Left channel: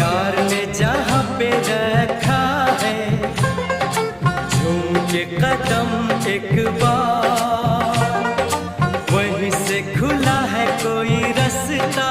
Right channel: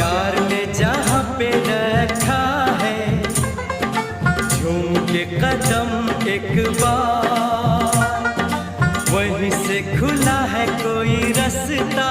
प्यार ने जहाँ पे रखा है, झूम के कदम एक बार, वहीं से खुला है कोई रास्ता।